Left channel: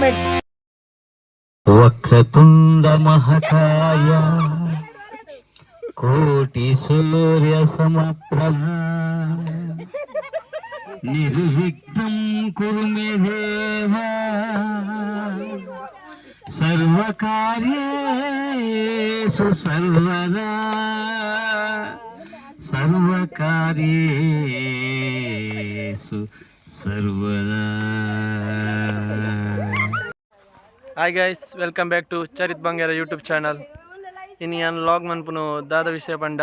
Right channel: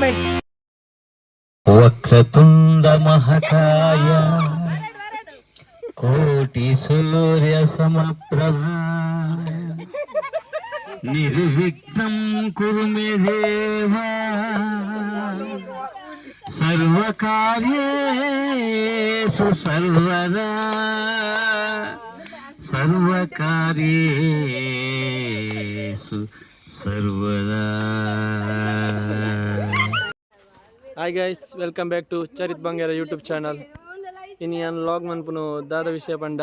Entertainment. Vakratunda ಮಹಾಕಾಯ ಕೋಟಿ ಸೂರ್ಯ ಸಮಪ್ರಭ ನಿರ್ವಿಘ್ನಂ ಕುರು ಮೇ ದೇವ ಸರ್ವಕಾರ್ಯೇಷು ಸರ್ವದಾ ಸರ್ವಕಾರ್ಯೇಷು ಸರ್ವದಾ. Hi guys, welcome back to Charith Bangara YouTube channel. ಇನ್ನು ನಾನು ಲಾಗ್ ಮನ್ಪುನು ದಾದ ವಿಷಯ ಪಂಡ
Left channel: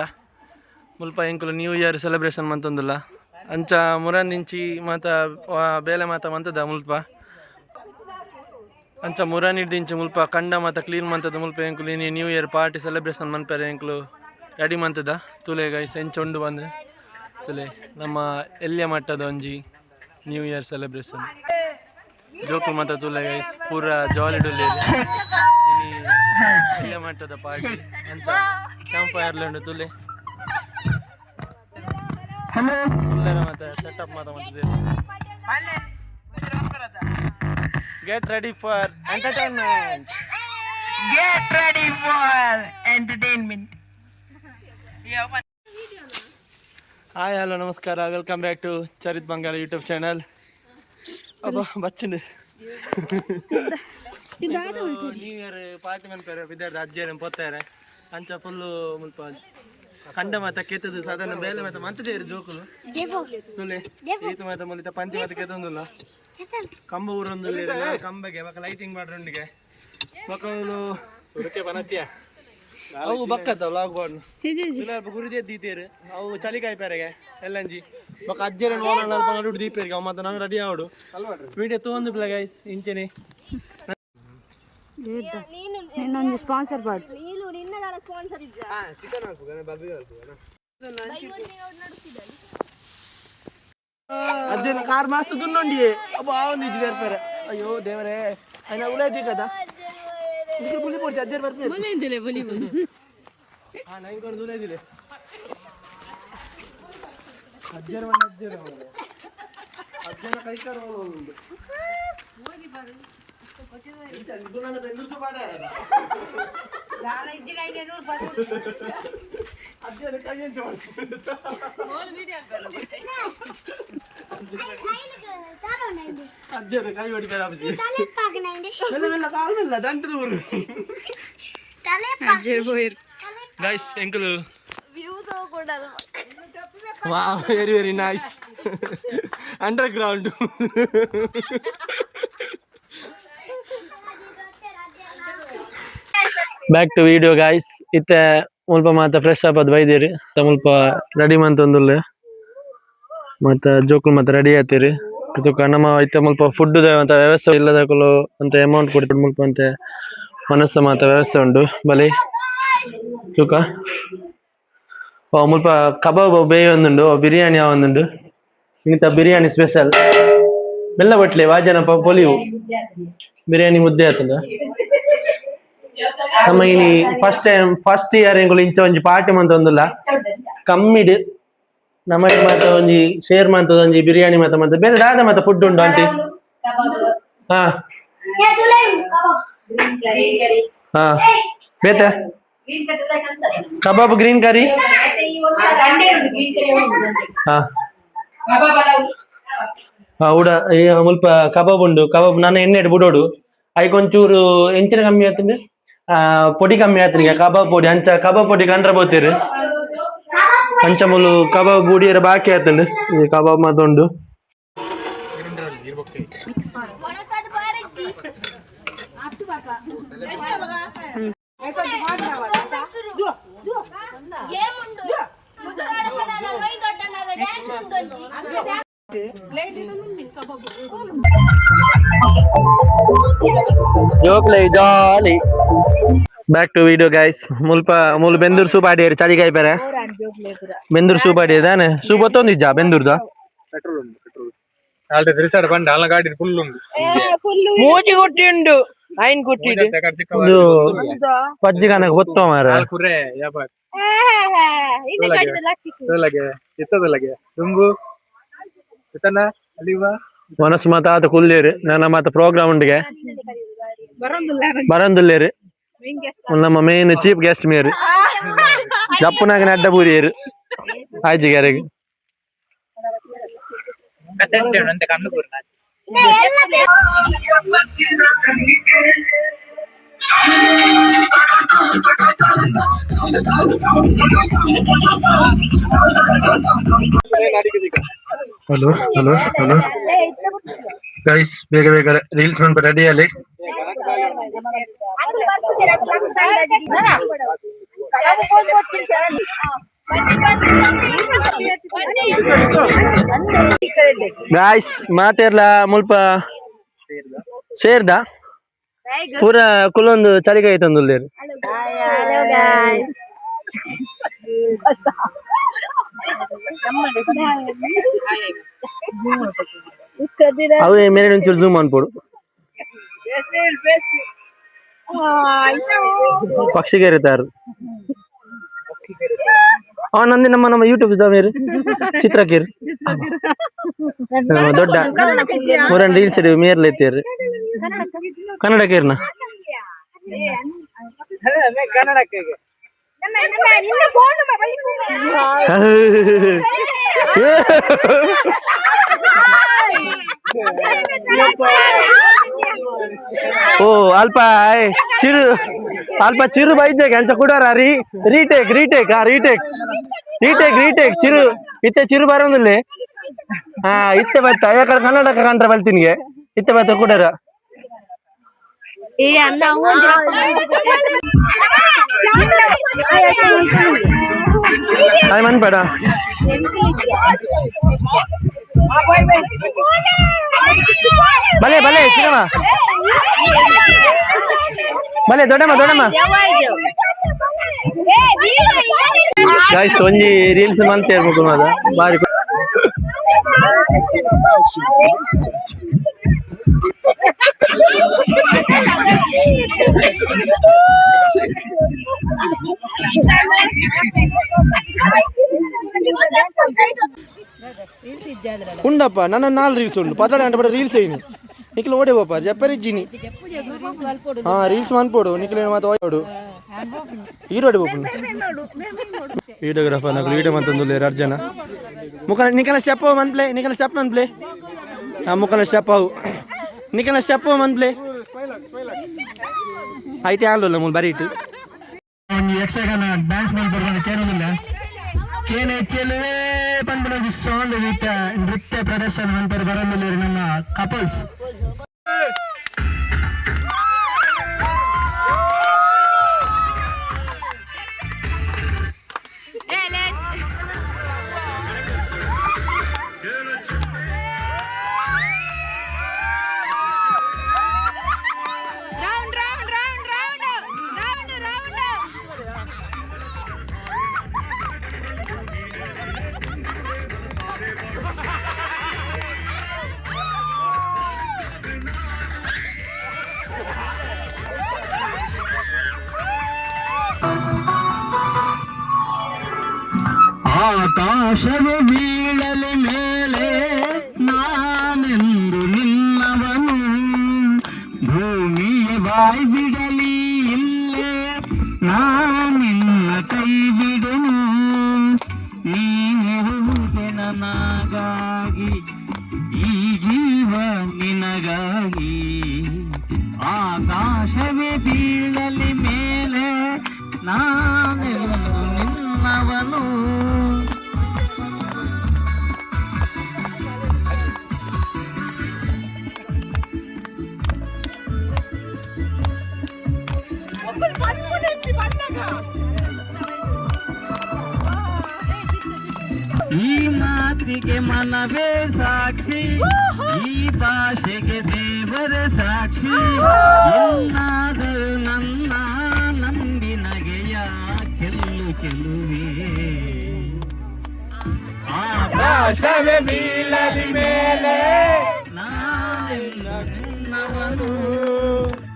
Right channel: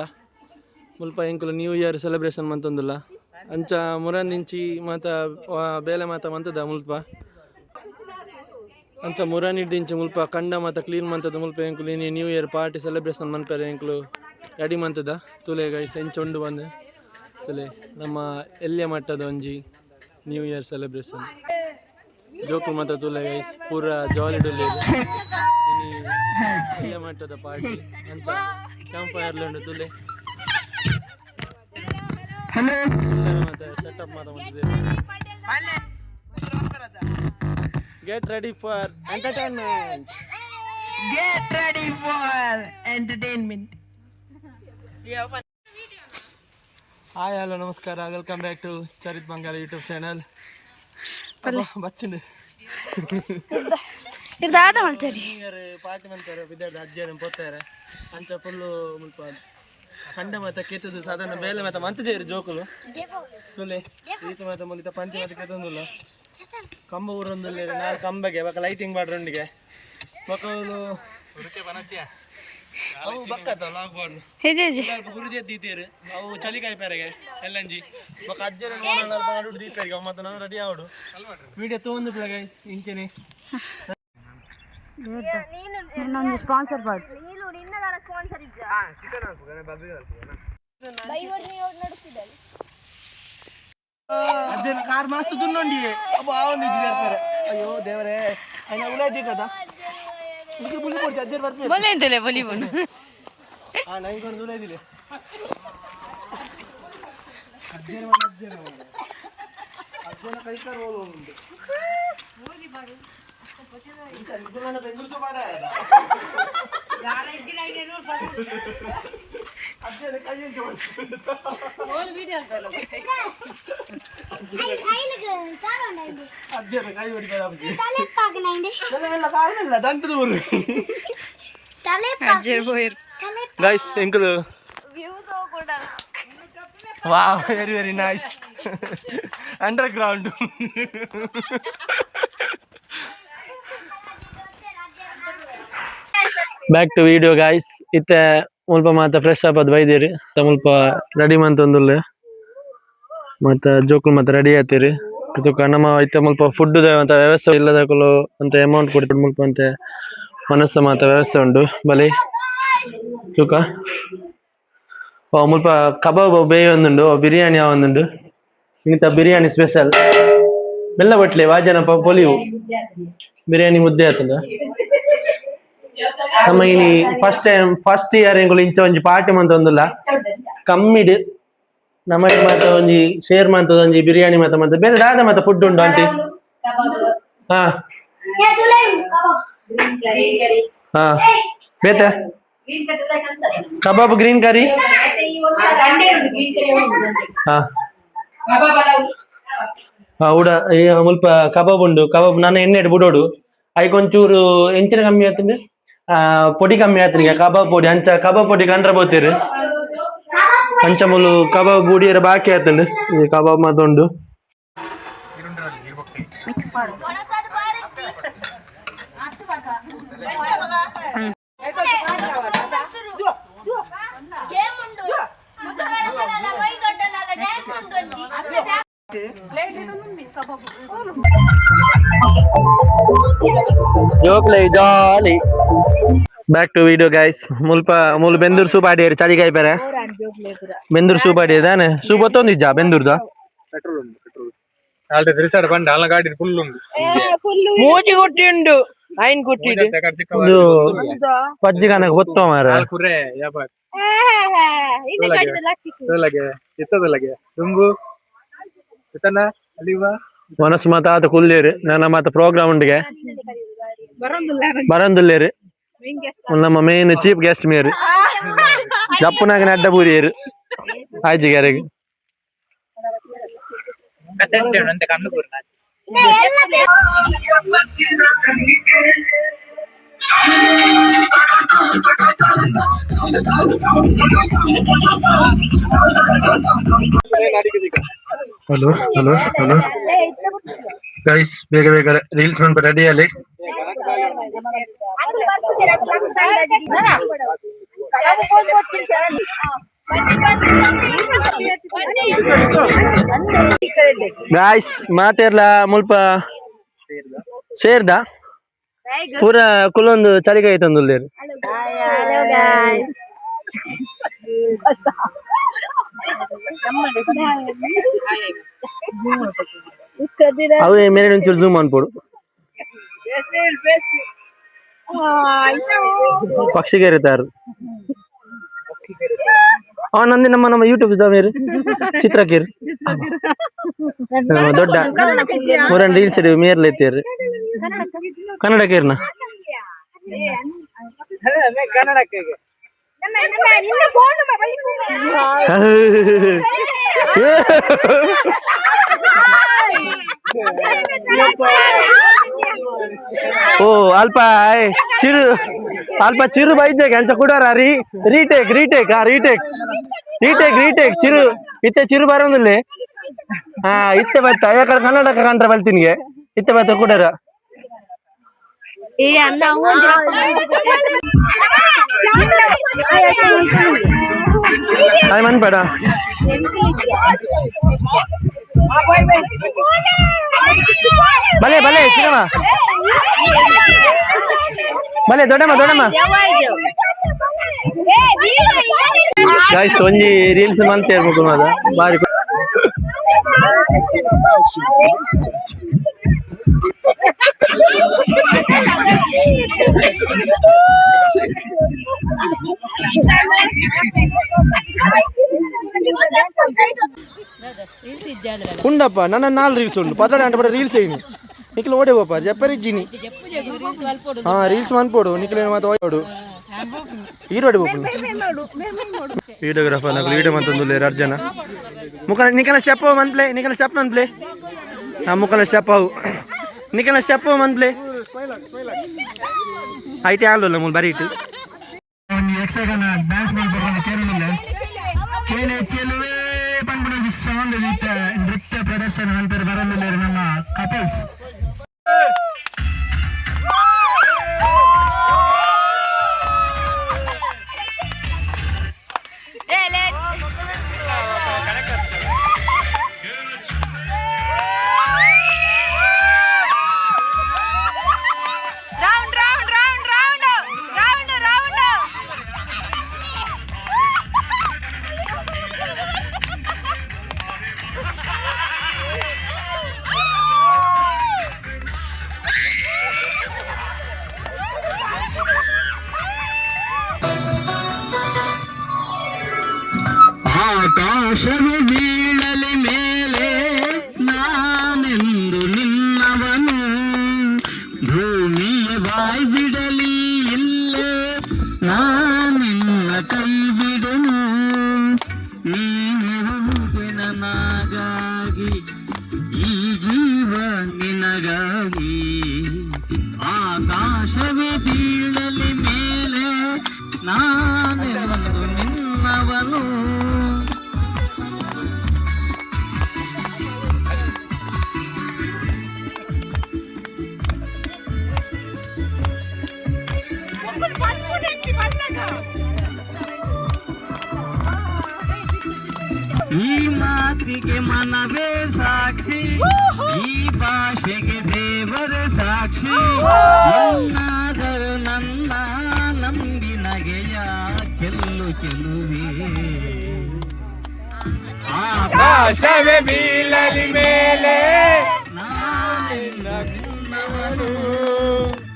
ಮುಲ್ಪ ಎಂಕುಲು ನ್ಯೂ ಇಯರ್ ಸೆಲೆಬ್ರೇಷನ್ ಮಂತೊಂದುಲ್ಲ ಅಂಚ ಮುರನಿಂಚಿ ಮಾತ ಬೇಲೆ ಮಾತ ಮಂತದ ಮುಲ್ಪ ಅಂಚ ಮುರನಿಡ್ದಿಂಚಿ ಮುಲ್ಪ ಕಂಡ ಮಾತ ಕ್ಲೀನ್ ಮಂತದ ಮುಲ್ಪ ಎಂಕುಲು ಇನ್ನು ನ್ಯೂ ಇಯರ್ ಪಾರ್ಟಿ ಸೆಲೆಬ್ರೇಷನ್ ಮನ್ಪೇರೆ ಎಂಕುಲು ರೆಡಿ ಮಂತದ ತುಲೆ ಗೈಸ್ ಎಂಚೊಂಡು ಬಂದು ತುಲೆ ನಮ್ಮ ಎಲ್ಯ ಮಟ್ಟದ ಒಂಜಿ ನ್ಯೂ ಇಯರ್ ಸೆಲೆಬ್ರೇಷನ್ ಜೋಕು ಮಾತ ತುಲೆ ಗೈಸ್ ಪೂರ ಜಾಲಿ ಡುಲ್ಲೇರು ಎಲ್ಯ ಮಟ್ಟದ ಪಾರ್ಟಿ ಅಂಚ ಕ್ಯಾಂಪ್ ಫೈರ್ಲೆಂಡ್ ತುಲೆ ಮಾತ ಸೆಟಪ್ ಮಾತ Get ready for entertainment. Get ready for entertainment. Hi, hello, namaskara. Welcome back to Charit Bangal YouTube channel. ಬಚ್ಚಿನ ಪಾರ್ಟಿ ಮಾಡ್ತಾರೆ ವಿದ್ಯಾರ್ಥಿ ಅಜ್ಜಿಯರು ಪೋತಾರೆ ಅಂಚ ಫುಲ್ಲು ಮುಲ್ಪ ಕಂಡ ಮಾತ ಕೆತ್ತದು ಸಾಧಾರಣ ಬೇಲೆ ಮಾತ ಮಂತಜೇರಿ ಜೋಕುಲು ತುಲೆ ಈತು ಮಾತ ಮುಲಿತ ಪಂಚ ಮಾತ ಕೆತ್ತೊಂದುಲ್ಲ ಕಂಬ ಊರೊಂದುಲ್ಲ ನಾನು ಕಂಬಗೆ ಬಕ್ಕ ಲೈಟಿಂಗ್ ಮಾಡ್ರಂಡಿಗೆ ಮಕ್ಕಳು ಅವು ಬಕ್ಕತ್ತ ಲಾಗ್ ಬಾರ್ನು ಗುರುದಿ ದೀತೇರು ಅವು ಚಳಿಕಾಯಿ ಪೇರೆಗೆ ಎಲ್ಲಂಜಿ ಬಕ್ಕ ಅಜ್ಜರ ನೋಡು ದೀಪೇರಿಗೆ ಅವು ಮತ್ತೆ ನಂಗೆ ರೆಡಿ ಆವಡು ವಿಡಿಯೋ ತೊಗೊಂಡು ಬಿಡ ಗೈಸ್ ಇಂಚೆನೆ ಇನ್ನೊಂದು ಸ್ಪಾನ್ಸರ್ ಪಾಡು ಅಜ್ಜನ ಕಾರ್ ಮಾಸ್ತು ದುನ್ನೊಂಡಿ ಅಬ್ಬ ನಿಜ ಬರ್ತಾರೆ ಅಯ್ಯೋ ದೇವರೇ ಅಯ್ಯ ಉಳಾಯ್ತಿ ಕದಾ ಮುಗಿ ಬುಲಿ ಪೋರ್ಚಿ ಅಜ್ಜರ್ ಬರ್ತಾರೆ ಬೊಲೆ ಅಂತಲೇ ಬೊಲಿ ಬುನು ಹಾ ನೈಕೊಂಡು ಉಳಾಯ್ತಿಲೆ ಅಜ್ಜರ ಮನೆ ಅಜ್ಜನ ಕೈ ಕಾರ್ ಹೋಗುಂಡು ಮೋದಿ ಬಾಡು ಇದನ್ನ ಬೆಂಗುರ್ಸು ಬಾಡ ಯಾರ ಇದ್ದಿನಾಗೆ ನೋಡ್ ಬಾಡು ಅಜ್ಜನ ಕೈಯನ್ನು ಜೋಡಿಸ್ಕೊಂಡು ಓಲ್ ವಿಡಿಯೋ ಕರೋ ಅಜ್ಜನ ಕೈ ಹೊಡಿತಾರೆ ಅಜ್ಜಿ ತಲೆ ಪಾಗನೈಂದೆ ತಲೆವೆಲ್ಲ ಕಾರವಿಲ್ಲ ದಂಟದ ಊರು ತಲೆ ಅಜ್ಜರ್ ಹೋಯರ್ ಗೈಸ್ ಎಂಕಲು ವ್ಯೂಸ್ ಹೋಗಲ್ಲ wow very very nice underground back to video guys ಇತ್ತೆ ಮುಲ್ಪ ಮಾತ ಫ್ರೆಶ್ ಅಪ್ ಅದು ಬೈದಿರಿ ಮುಲ್ಪ ರೆಡಿ ಮಂತೊಂದುಲ್ಲೆ ಮತ್ತು ಜೋಕುಲು ಮತ್ತೆ ರೆಡಿ ಆಯ್ತೀರಿ ಇದಕ್ಕೆ ನಮ್ಮ ಇತ್ತೆ ಮುಲ್ಪ ಫುಡ್ ಅಂತ ವ್ಯವಸ್ಥೆ ಇಲ್ಲದಕ್ಕಲು ಅಂತ ಅಮೌಂಟ್ ಕೊಟ್ಟು ಮುಲ್ಪ ಅಂತೆ ಮನಸ್ಸು ಮಾತ ವ್ಯವಸ್ಥೆ ಉಂಟು ಬಲಿ ತೂಕ ಮುಲ್ಪ ಕಬಾಬ್ ಬೇಯ ಒಂದುಂಡು ಬಿರಿಯಾನಿ ಒಂದುಂಡು ಇಂಥ ಬಿರಿಯಾನಿ ಸ್ಪೆಷಲ್ ಬೆಲ್ಲ ಬಟ್ಲೆ ವಾಜನ ಪೊಲಿವು ಬಿರಿಯಾನಿ ಮುದ್ದೆ ಆತದ ನಮ್ಮ ಇನಿ ಫಸ್ಟ್ ಇಯರ್ ಎಂಗುಲು ಇಂಚ ಒಂಜಿ ಪಾರ್ಟಿ ಮಂತ ಒಂದುಲ್ಲ ಕಮ್ಮಿಡ್ ನಮಗೆ ಮಾತ ಒಂಜಿ ಶೇರ್ ಮಂತದ ಒಂಜಿ ಬಿರಿಯಾನಿ ಮಾತ ಬೇರೆ ದಾದ ಮಾತ ಫುಡ್ ಉಂಟು ಆಂಟಿ ಹಾ ಹಾ ಬೇತೆ ಕಬಾಬ್ ಗ್ರೀನ್ ಕರಿ ಹಾ ಉಡ ಮುಲ್ಪ ಕಬಾಬ್ ಉಂಡು ಕಬಾಬ್ ನಾನು ಎಣ್ಣೆ ಬುಡೋಡು ಐಕೊಂಚೂರು ಎಂಚಿನ ಕಮ್ಮಿ ಆತಂದ್ರೆ ಪೊಡಿ ಕಮ್ಮಿ ಆತನಿಗೆ ಕಬಾಬ್ ಪೊಡಿ ಅಂಚ ಕಬಾಬ್ ಪೊಡಿ ಕಂಡ್ರೆ ಬೋತೀರಿ ಅಂಚ ಮುಲು ಕಬಾಬ್ ಬೂಡಿಯರ ಬಾಕಿ ಆತಂಡು ಈ ಕಬಾಬ್ ಮಾತುಂಡು ಮಿಕ್ಸ್ ಜೋಕ್ಲೆ ಜಾಲಿ ಬ್ಯಾಕ್ ಟು ವಿಡಿಯೋ ಗೈಸ್ ಮುಲ್ ಬೆಂದೂರು ಸೂಪ್ ಆಡಿಯರು ಚಳಿಕಾಯಿ ಪೇರೆ ಬೆಂದೂರು ಸೂಪ್ ಆಡಿಯದಾನೆ ಸೂಪ್ ಒತ್ತೊಂದಿಜ್ಜ ಬೆಂದೂರ್ದ ಪೆಟ್ರೋಲ್ ಉಂಟು ಪೆಟ್ರೋಲ್ ಆಲ್ರೆಡಿ ರಿಸರ್ವ್ ಬಂಡ ಅಲ್ಲ ಗಾಡಿ ಫುಲ್ ಉಂಟು ಮೂಜಿ ಕೊಟ್ಟಿ ಉಂಡು ಐನ್ ಕೊಟ್ಟಿದ್ದು ಇದು ಪಜ್ಜಿ ಕನಕ ಗೊತ್ತೋ ಮಾರ ಕುರೆ ಯಾಪಾಟ್ ಇಲ್ಲಗೆ ಇತ್ತದಲ್ಲಗೆ ತುಂಬು ಇತ್ತನ ಅಲ್ಲಿವಾ ಮನಸ್ಸು ಮಾತಾತ ಕುಲ್ಲೇರು ನನ್ನ ಮಾತ ಪ್ರೋಗ್ರಾಮ್ ಉಂಡಿಗೆ ಬರಂದುಲ್ಲೇರು ನಮ್ಮ ಮೇನ್ ಚೀಫ್ ಗೆಸ್ಟ್ ಮೇರು ಜಪ್ಪನಾಗ ಅಡ್ಡ ಬೂರಿಯರು ಆಯ್ಜಿಗಾರಿಗೆ ಹಲೋ ಹಲೋ ಹಲೋ ಗೈಸ್, ಬೇಗ ಬೇಗ ರೀಲ್ಸ್ ಮಾಡ್ಬೇಕು ರೆಡಿ ಅಲ್ಲಿ. ಗಾಯ್ಸ್ ಮಾತೆರ್ಲ ಮುಲ್ಪ ಸೇರ್ದ ಪೂರ ಕುಲೊಂದು ಚಳಿಗಾಯಿ ತಂದುಲ್ಲೇರು. ಅವೇ ಮೇಲೆ ಒಂಚೂರು ಝೂಮ್ ಅನ್ಪೋಡು. ಪಕ್ಷಿಗೇರಿತಾರು ನಂದಿ ನಮ್ಮ ಯೂಟ್ಯೂಬ್ ಇದ್ದಾವೆ ಚಿತ್ರಕೀರ್ ದೊಡ್ಡ ಮೂರನ್ ರೀಲ್ಸ್ ಇಡೀವಿ ಮೇರ್ಲ ಎತ್ತೀರಿ ಕನ್ನಡ ಕೇರ್ನ ಓ ಅಲ್ಪ ಚಿರು ಅಲ್ಪ ಚಿರು ಬೈಜೆ ಅಂಚ ಕೊಡಾರ retake retake retake retake retake ಚಿರು ಇತ್ತೆ ಚಿರು ಬರೋದಿಲ್ಲ. ಇತ್ತೆ ಬತ್ತ ಯಾಕಂದ್ರೆ ಕನ್ನಡಕ ಕಂಡ್ರೆ ಬಲ್ತಿನ್ಗೆ ಇತ್ತೆ ಬತ್ತ ಕೊಡಾರ ಹಾಯ್ ಮನ್ಬೇಡ ಭಲೆ ಭಲೆ ಸಿನಿಮಾ ಭಲೆ ದೊಡ್ಡಮ್ಮ ದೊಡ್ಡಮ್ಮ ಗಾಯ್ಸ್ ಒಂಜಿ ರೀಲ್ಸ್ ಮಂತ್ ಇರ್ಬೇಕು ಮಾದ ಬಾರಿ ಉಂಡಪ್ಪ ನನ್ನ 4 ರೀಲ್ಸ್ ಉಂಡು 14 ಗಂಟೆ ಬಡ ರೀಲ್ಸ್ ಅಯ್ಯಿ ನಿಖಿಲ್ ಓಡೆ ಹೋಪ ಜಪ್ಪರಿಜ್ಜಿನಿ ರೀಲ್ಸ್ ಮನ್ಪೋಡು ನಿಖಿಲ್ ಮಾತು ಓಡು ಹೀರೋಡಿ ಬೋಪು ವಿಡಿಯೋಗ್ರಾಫರ್ నాకు video మంతుందులే Arjuna నికల step మన్ప్లే నికల step మన్ప్లే ముకల step అవు నికల స్టెప్ మన్ప్లే ಐಟಿ ಆಲ್ದಲ್ಲ ಮೂಲ ಬರೀಟು ಒಂದು ಯಕ್ಷಗಾನ ಡ್ಯಾನ್ಸ್ ಮಾಡ್ಬಾರ್ದು ಕೇರಳಿಲ್ಲ ಕೇನೆ ಚೆಲುವೆ ಪಂಪನ ಸಾಂಗ್ ಗೀತ ನೃತ್ಯ ಪ್ರದರ್ಶನ ಅಂತಾರೆ ಬರಲಿಲ್ಲ ನಮ್ಮ ಕಪಲ್ಸ್ ಆಕಾಶವು ಬೀಳಲಿ ಮೇಲೆ ನಾನೆಂದು ನಿನ್ನವನು ಭೂಮಿಯ ಬಾಯಿ ಬಿಡಲಿ ಇಲ್ಲೇ ನಾನಿನ್ನ ಕೈ ಬಿಡುನು ನೀನೆ ನನಗಾಗಿ ಈ ಜೀವ ನಿನಗಾಗಿ ಆಕಾಶವೇ ಬೀಳಲಿ ಮೇಲೆ ನಾನೆಂದು ನಿನ್ನವನು ಈ ಮಾತಿಗೆ ಮನವೇ ಸಾಕ್ಷಿ ಈ ಭಾಷೆಗೆ ದೇವರೇ ಸಾಕ್ಷಿ ಎನ್ನಾದರೂ ನನ್ನ ನಂಬಿನಗೆಯ ಕೆಲ್ಲು ಚೆಲುವೆ ಆಕಾಶವೇ ಬೀಳಲಿ ಮೇಲೆ ನಾನಿನ್ನವನು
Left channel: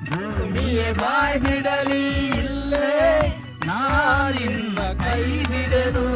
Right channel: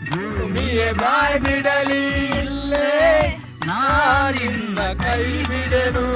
ಭೂಮಿಯೇ ಬಾಯಿ ಬಿಡಲಿ ಇಲ್ಲೇ ನಾನಿನ್ನ ಕೈ ಬಿಡೆನು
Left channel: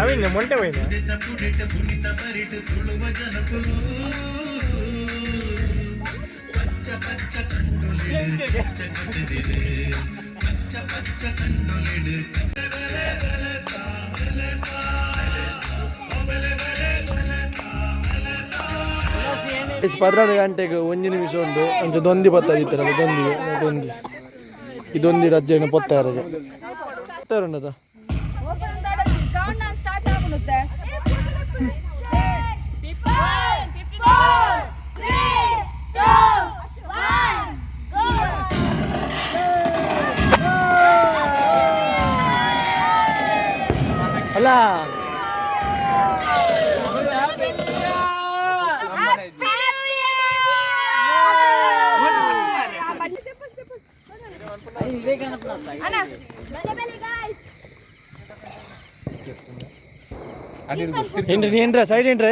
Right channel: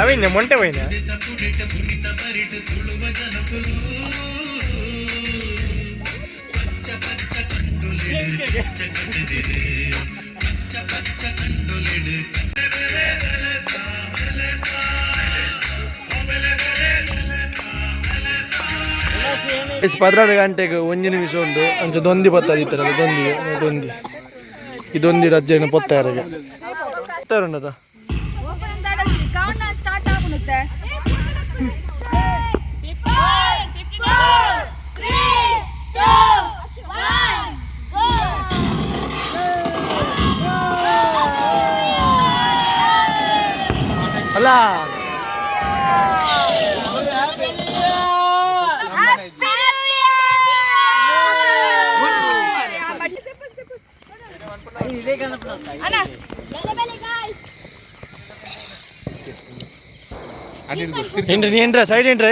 అవి మొంటే పోయినా ಪದ್ರಾಡು ಗಂಟೆಗೆ ಒಂಜಿ ನಿಮಿಷ ಉಂಡು ಅಂಚ ದೊಂದಿ ಬತ್ತದ ಇತ್ತರಲ್ಲ ದೊಂದಿ ಈ ದೊಂದಿ ಅಜ್ಜನ ಪೊತ್ತಾರಿಗೆ ಉಂಡದ ಅಲ್ಲ ఏంట్రా సైడ్ ఏంట్రా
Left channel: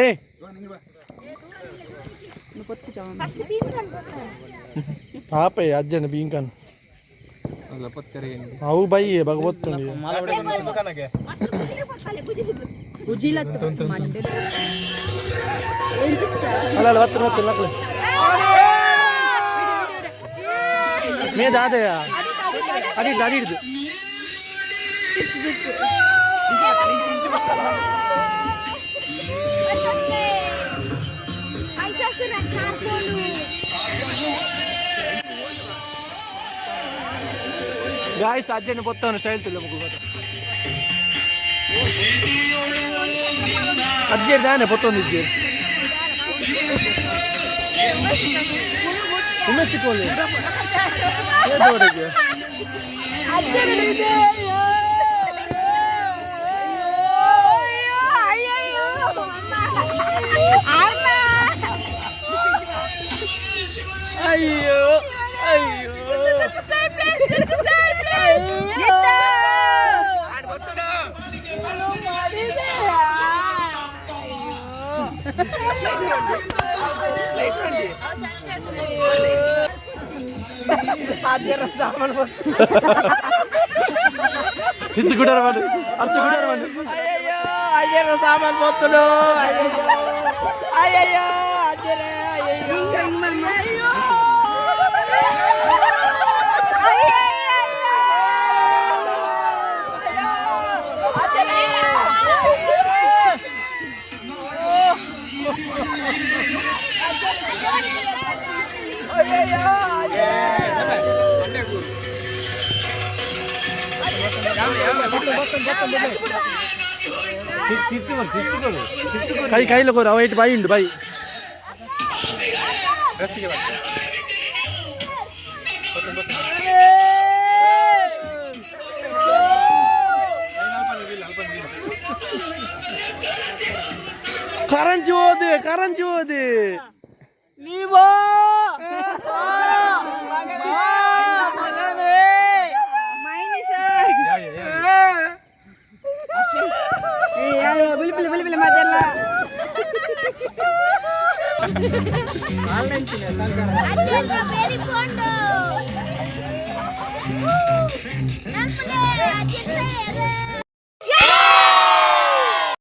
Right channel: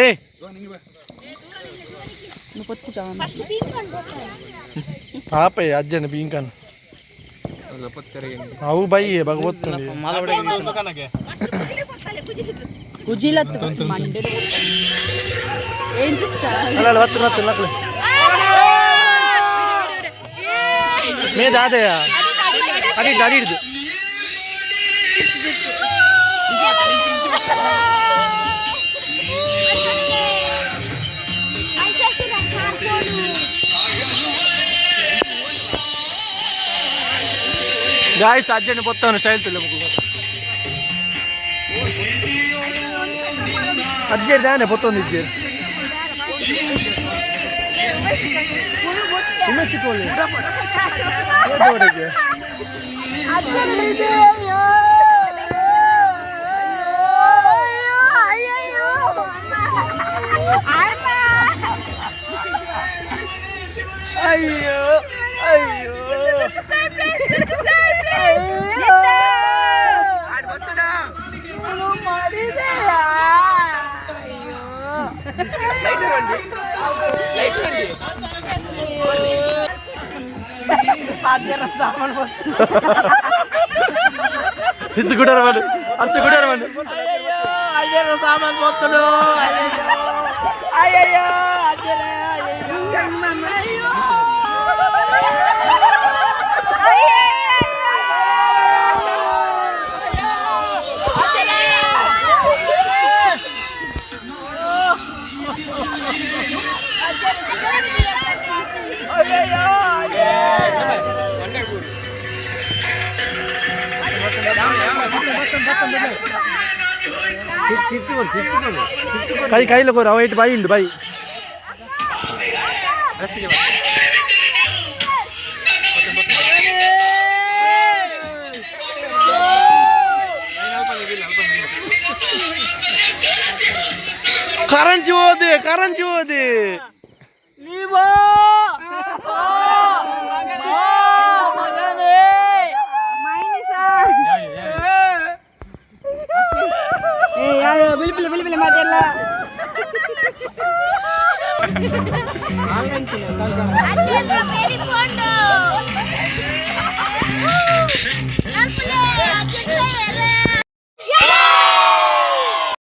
ఆపే అజ్జండి బీంకన్ అవు బయ్యి భగవత్తుంది అలా వత్తు నక్కలే మీద ఆదయా అడి అడిడు ಗಾಯ್ಸ್ ಅಜ್ಜನ ಪೊತ್ತವನು ಸ್ಟೈಲ್ ತುಲ್ಲ ಮುಗ್ಳು ಅಜ್ಜೇರು ದಾನೆ ಪೊತ್ತೊಂದು ಇಜ್ಜೇರು ಉಮ್ಮೆಚ್ಚಿಕೊಳ್ಳಿ ಅಯ್ಯೋ ಅಯ್ಯೋ ఇసుకుంటారు వాళ్ళు అరుచుకుంటారు వాళ్ళు అయ్యో సామాన్ పోతుడు అయ్యో कई कई लोग राइट भाई इंड भाई करंजी होदे Peri